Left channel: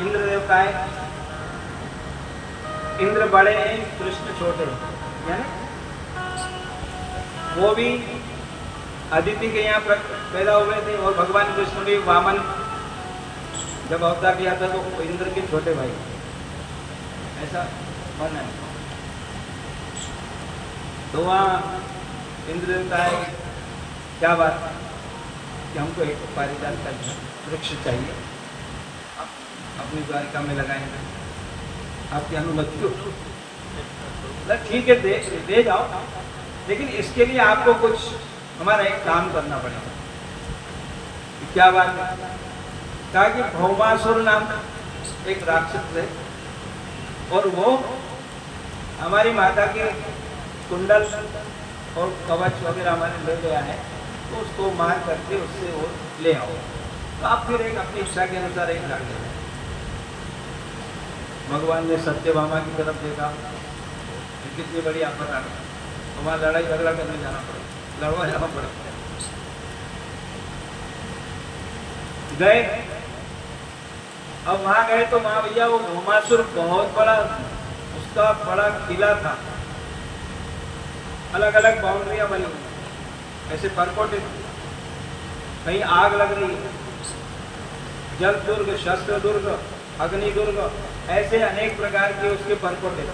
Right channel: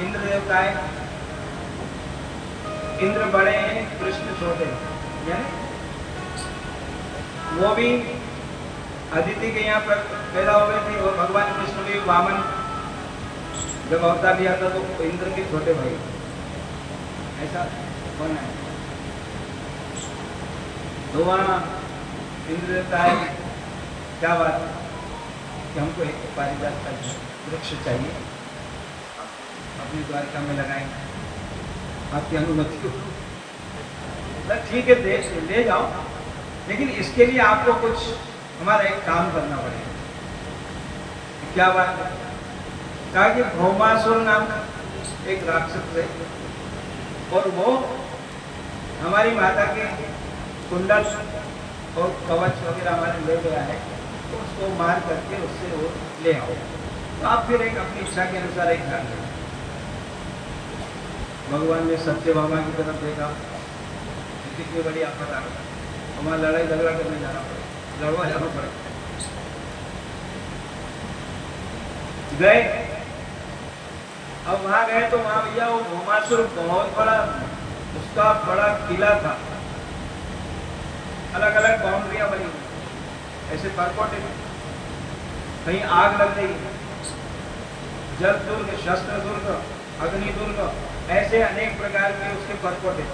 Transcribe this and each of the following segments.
इंद्र देवता है, इंद्र बड़े हैं, कृष्ण छोटे हैं, यानी वो भी अदिति के यहाँ पर पैदा हो गए थे और भगवान कृष्ण भी वामन जब अवतार लिया था तो इंद्र के छोटे भाई, ऐसा मानना है। तो वहाँ इंद्र देवता है, क्या बात कि हमको एक पारिजात का वृक्ष चाहिए, अपनी द्वारिका में लगाए, आपकी अनुमति हो। ठीक है, दे जाओ, लेकिन इसके लिए आपको कुछ हमारा एक काम करना पड़ेगा। क्या बात है? कहा कि भौमासुर नाम एक राक्षस है और वो हमारी माता के कुंडल और कवच वगैरह हमारे ले गया है, तो उसको मार करके उससे वो ले आओ। तो आप फिर एक अपनी इच्छा के अनुसार एक डाल दें। भगवान ने सत्यभामा की तरफ देखा, कितनी बड़ी आफत आ गई, वहाँ लड़ाई झगड़ा करने जाना पड़े, लड़वा जाना पड़े। गए, अब वहां गए तो वहां भैया वो भौमासुर बहुत बड़ा, उसका बड़ा किला था, अलग अलग बाउंड्रियां बनी हुई, ऐसे परकोटे, कहीं आग लग रही है, जल दुर्ग, शस्त्र दुर्ग, अग्नि दुर्ग, ऐसे अनेक प्रकार के उसके परकोटे,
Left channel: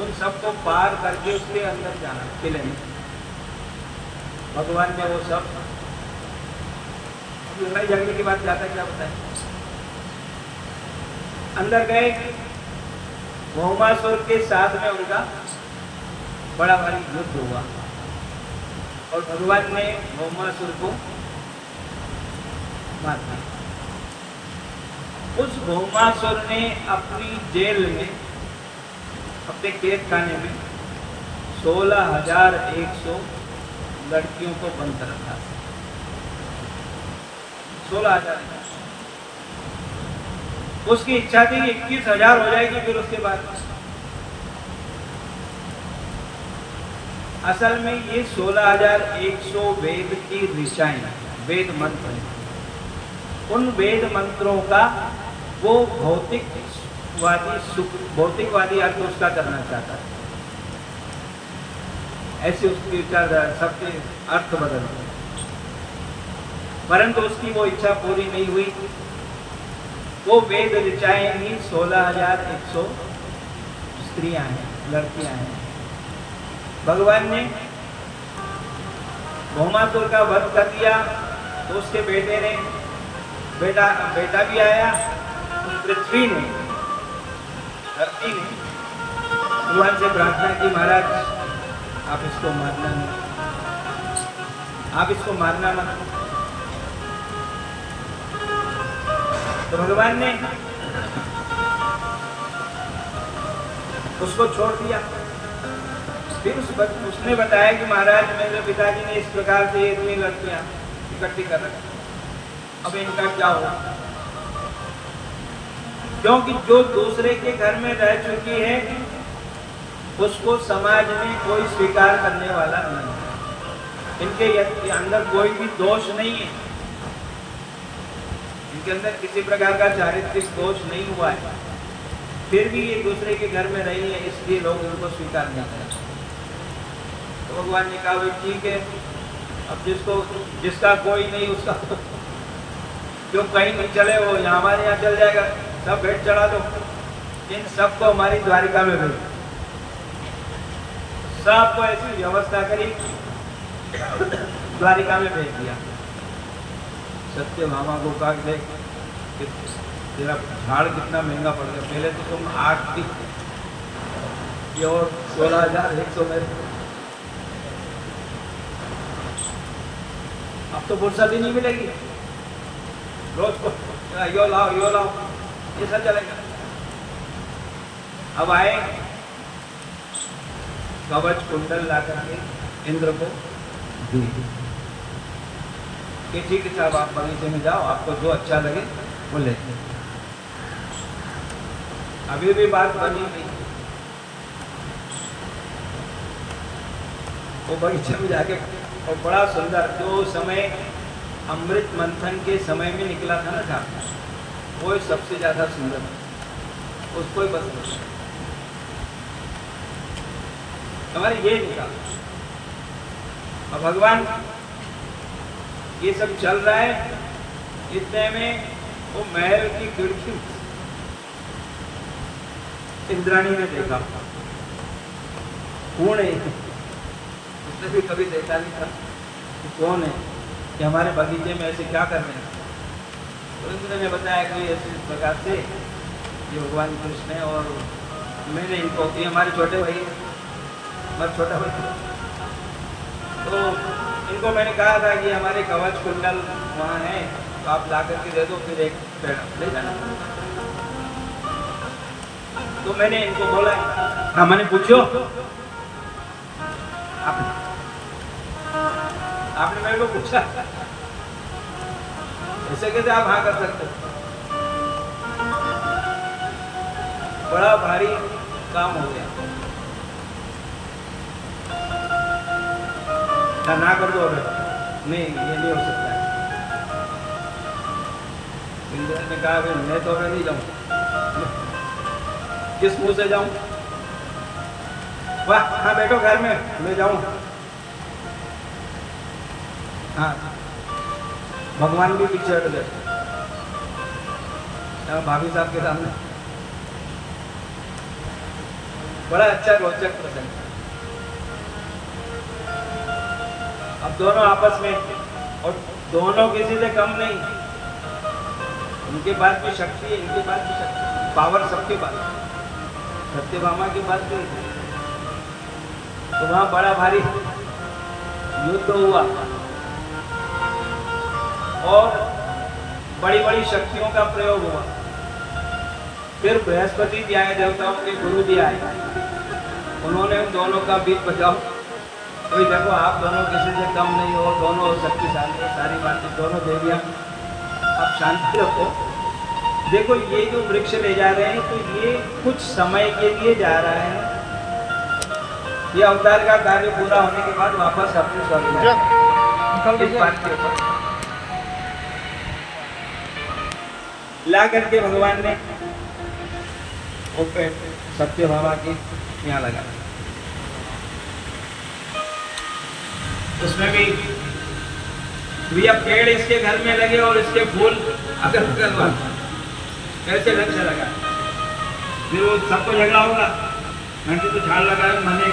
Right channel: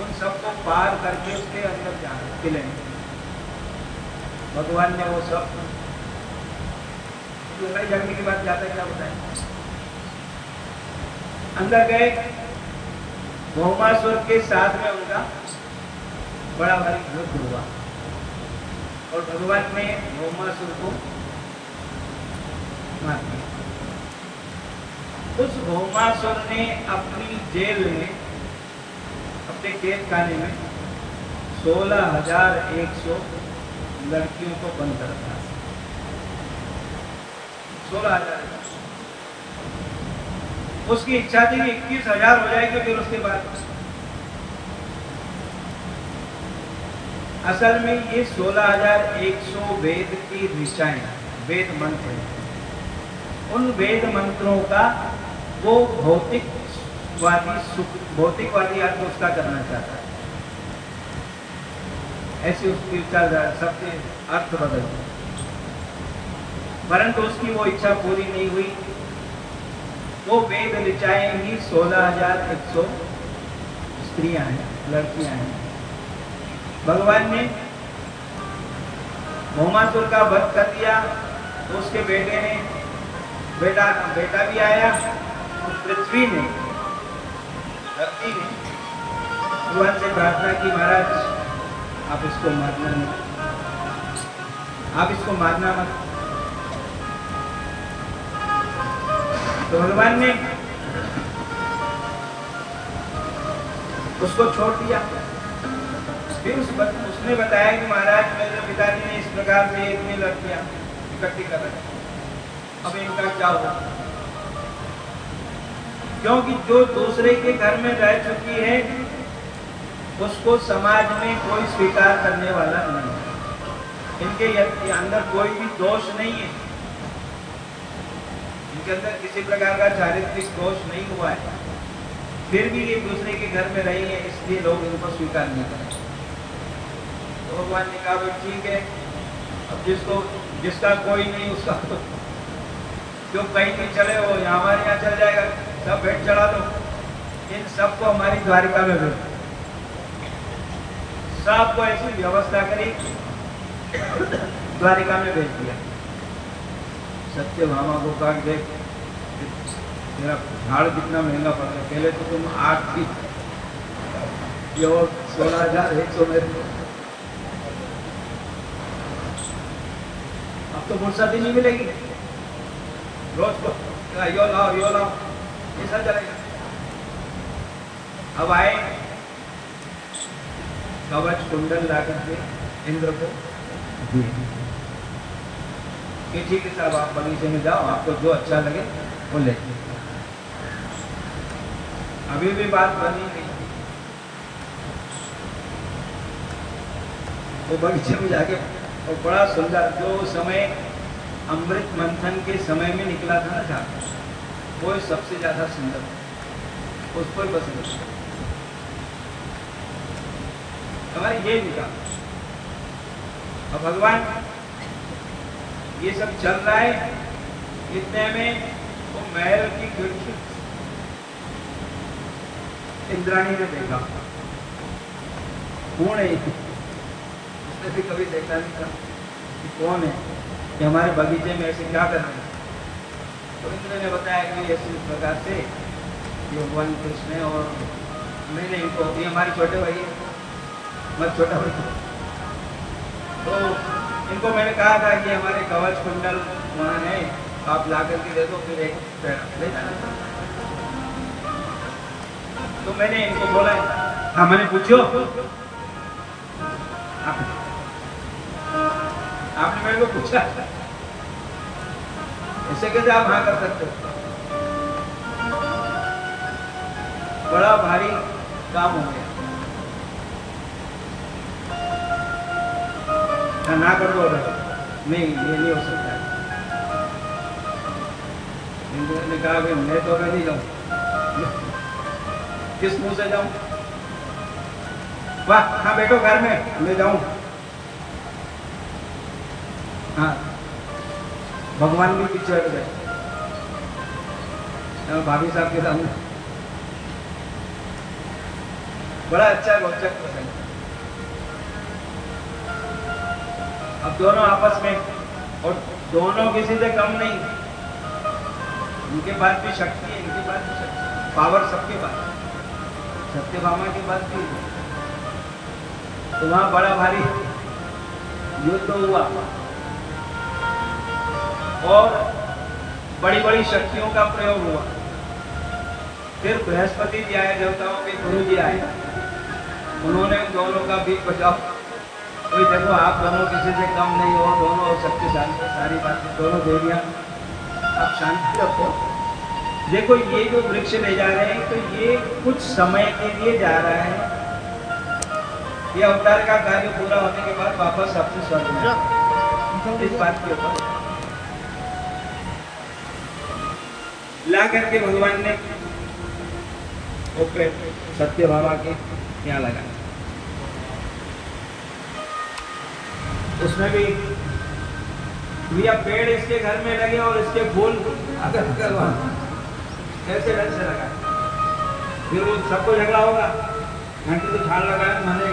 उन सबको पार करके उसके अंदर जाना किले में। भगवान ने वो सब लड़ाई झगड़े की बात जाता क्या होता है, अंदर गए, भौमासुर के साथ में उनका बड़ा भारी युद्ध हुआ और भगवान ने भौमासुर को मार दिया। उस भौमासुर ने अपनी जेल में, अपने कैद खाने में 16,100 लड़कियों को बंद कर रखा। 16,000। उसकी इच्छा थी 21,000 हो जाएगी, फिर उसके बाद असल में ये 16,100 वेद की ऋचाएं, वेद मंत्र हैं। उन वेद मंत्रों का वो भौतिकवादी अर्थ उसका करना चाहता है, ऐसे उसकी विचारधारा, सबके अर्थ बदलते, परंतु उसकी वो इच्छा पूरी नहीं हुई। वो वेद ऋचाएं ही 16,100 स्त्रियां हैं, लड़कियां हैं। भगवान ने भौमासुर का वध कर दिया, उसके बेटे ने, बेटा भी आया, पृथ्वी ने, धरती ने भगवान से प्रार्थना की, महाराज आप इसको मारना मत, आप इसको मारना मत। तो भगवान ने उसको छोड़ दिया। फिर उसने बताया कि महाराज मेरे पिताजी ने इस प्रकार से इतनी लड़कियां इकट्ठी कर रखी, अब इनका क्या होगा? क्योंकि जो दूसरे के घर में रह चुकी है उसको समाज में कोई स्वीकार करने वाला नहीं है। इनके अंदर कोई भी दोष नहीं है, इनके अंदर किसी प्रकार का चारित्रिक दोष नहीं हुआ है, फिर भी ये दूसरे के घर में रही है, इसलिए लोग उनको स्वीकार नहीं करते। तो भगवान ने कहा भाई ठीक है, अब जिसका कोई नहीं उसका तो जो कहीं नहीं चले वो हमारे यहाँ चल जाएगा, सब भेंट चढ़ा दो, इन सबको हमारी द्वारिका में भेज, सबको ऐसी व्यवस्था करी, द्वारिका में भेज दिया। सत्यभामा को कहा देख तेरा झाड़ कितना महंगा पड़ रहा है, पहले तो तुम 8 थी, ये और 16,100 में, अब तो फुर्सत ही नहीं मिलेगी, रोज को यो लाओ ये सब चलेगा। अब आए, कवच कुंडल ला करके इंद्र को दिए कि ठीक है साहब, आप बगीचे में जाओ, आपको जो अच्छा लगे वो ले। अभी भी बात बनी नहीं, वो बगीचे में जाके, और बड़ा सुंदर, जो समय अमृत मंथन के समय में निकला था ना था, वो सबसे ज्यादा सुंदर है, उसको ही बस वृक्ष हमारे ये दिखा। और भगवान ये सब चल रहा है, इतने में वो महल की खिड़की इंद्राणी ने देखा। कौन है? उसने भी कभी देखा नहीं था कि कौन है, कि हमारे बगीचे में ऐसे क्या कर रहे हैं। तो उन्होंने बताया कि ऐसे प्रकार से कि भगवान कृष्ण है और मैंने इनको, ये हमारे छोटे भाई, हमारा छोटा भाई, तो इनको मैंने कहा था कि हमारे कवच कुंडल वहाँ है, आप ला करके दे दो, फिर एक पेड़ा ले जाना। तो मैंने इनको बोला, हाँ मैंने पूछो, आपने मेरे को पूछा ऐसे कैसे आप हाँ कर सकते हो? बड़ा भारी काम हो गया, ना कर दो, नहीं ये नहीं हो सकता। इंद्र ने कहा कि मैं तो नहीं जाऊं, किस मुंह से जाऊं? वाह, हाँ बैठो घर में, मैं जाऊं। हाँ, भगवान भी पीछे हट गए भाभी साहब के सामने। बड़ा अच्छा रोचक प्रसंग। अब दोनों आपस में, और दोनों किसी से कम नहीं, उनके पास भी शक्ति है, इनके पास भी शक्ति, पावर सबके पास। सत्यभामा के पास भी, तो वहां बड़ा भारी युद्ध हुआ और बड़ी बड़ी शक्तियों का प्रयोग हुआ। फिर बृहस्पति जी आए, देवताओं के गुरु जी आए, उन्होंने दोनों का बीच बचाओ। तो देखो आप दोनों किसी से कम नहीं हो, दोनों शक्तिशाली, सारी बातें दोनों देवियां, आप शांति रखो। देखो ये जो वृक्ष ले जा रहे हैं, तो ये कुछ समय के लिए जा रहा है, ये अवतार का कार्य पूरा होने के बाद वापस आपसे स्वर्ग में ला करके भगवान ने ओपे सत्यभामा के यहाँ लगा। उसमें भी भैया पेड़ इसके घर में लगे और इसके फूल अगर कैसे ढंग से लगा, फिर सबको झगड़ा होगा, मैंने तो झाड़ लगाया, मैंने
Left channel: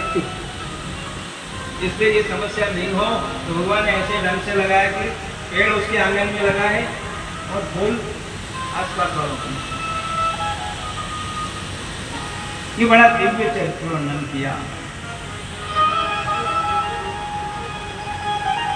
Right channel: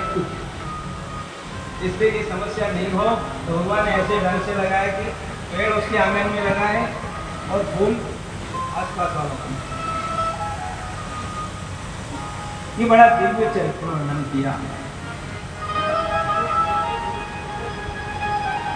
इसलिए ये समस्या नहीं हो, तो भगवान ने ऐसे ढंग से लगाया कि पेड़ उसके आंगन में लगा है और फूल आसपास वालों। ये बड़ा दिव्य चरित्र वर्णन किया।